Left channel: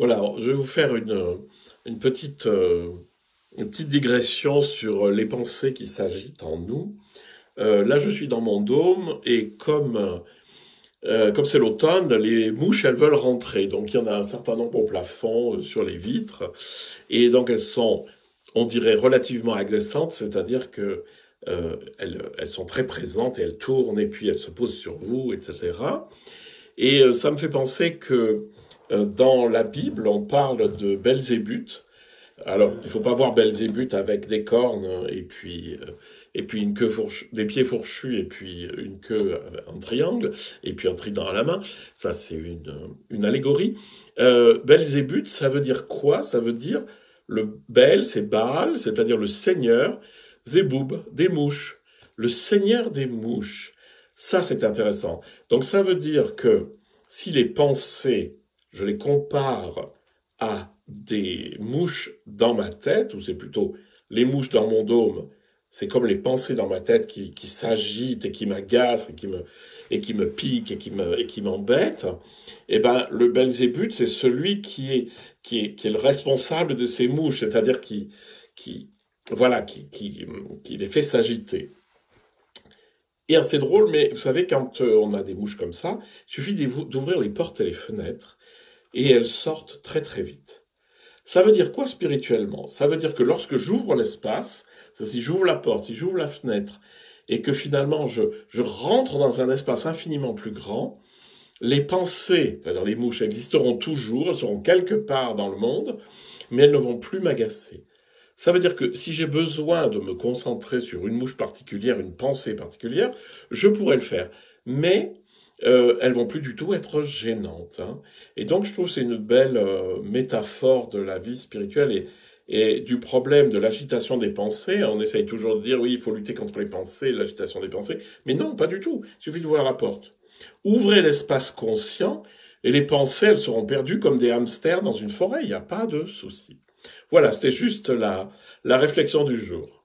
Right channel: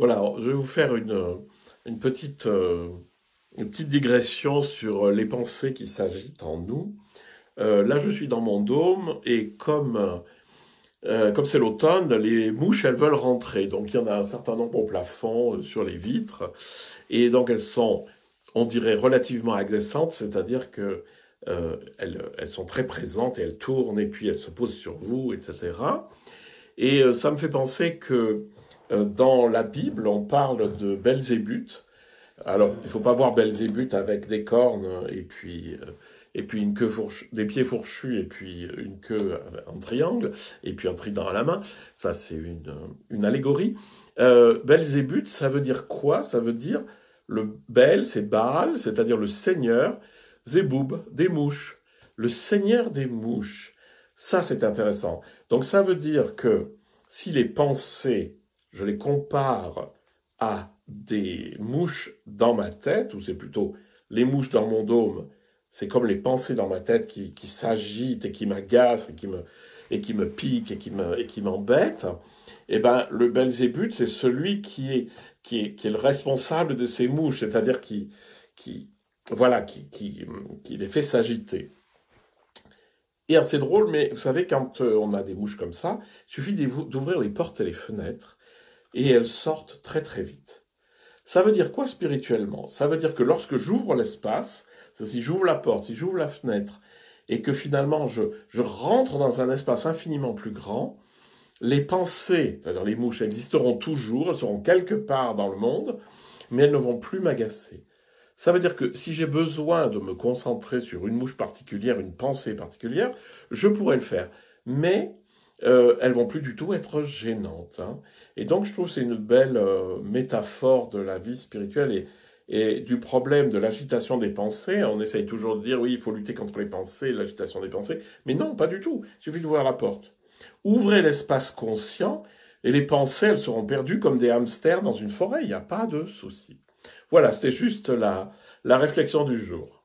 Voilà, alors, je vais vous faire une petite digression sur les pensées qui s'agitent en nous. Là, je suis dans mon dôme et comme c'est l'automne, les mouches, elles veulent rentrer. Donc, il y en a un certain nombre au plafond, sur les vitres. Et donc, elles sont, on dirait, relativement agressantes, c'est-à-dire que elles sont très présentes et elles tournent et puis elles se posent sur vous, etc. Et ça me fait penser que dans la Bible, on parle de Belzébuth. Alors, il ne faut pas voir Belzébuth avec des cornes et puis une queue fourchue, des pieds fourchus et puis une queue en triangle et puis un trident à la main. Ça, c'est une allégorie. Belzébuth, ça veut dire quoi? Ça veut dire le Bel, c'est Baal, c'est-à-dire le seigneur, Zéboub, des mouches. Le seigneur des mouches. Ça, c'est intéressant. Donc, ça veut dire que si les pensées, je les compare à des mouches dans ma tête, ou c'est plutôt les mouches dans mon dôme, c'est comme les pensées dans ma tête qui s'agitent et qui m'agacent et qui me piquent et qui m'embêtent, eh ben, le Belzébuth, c'est celui qui est le responsable de ces mouches, c'est-à-dire voilà, qui les fait s'agiter. Et c'est drôle, mais vous savez, quand on a des mouches comme ça, il suffit d'ouvrir les portes et les fenêtres, et elles sortent très très vite. Ça veut dire quoi spirituellement? Ça veut dire que lorsque j'ouvre l'espace, si j'ouvre la porte, si j'ouvre la fenêtre, et que finalement je rentre dans un espace infiniment plus grand, les pensées, c'est-à-dire les mouches, existeront toujours, elles seront quelque part dans le monde, mais elles ne vont plus m'agacer. Ça veut dire que si j'ai besoin de me concentrer sur une mouche particulière, une pensée particulière, je pourrais le faire. Mais elles vont plus du tout être gênantes, hein. Et donc je trouve que c'est une belle métaphore de la vie spirituelle et du problème de l'agitation des pensées. On essaye toujours de dire oui, il faut lutter contre les pensées, l'agitation des pensées. Mais non, pas du tout. Il suffit d'ouvrir la porte. Ouvrez l'espace conscient et les pensées, elles seront perdues comme des hamsters dans une forêt. Il n'y a pas de souci. Voilà, c'était juste la réflexion du jour.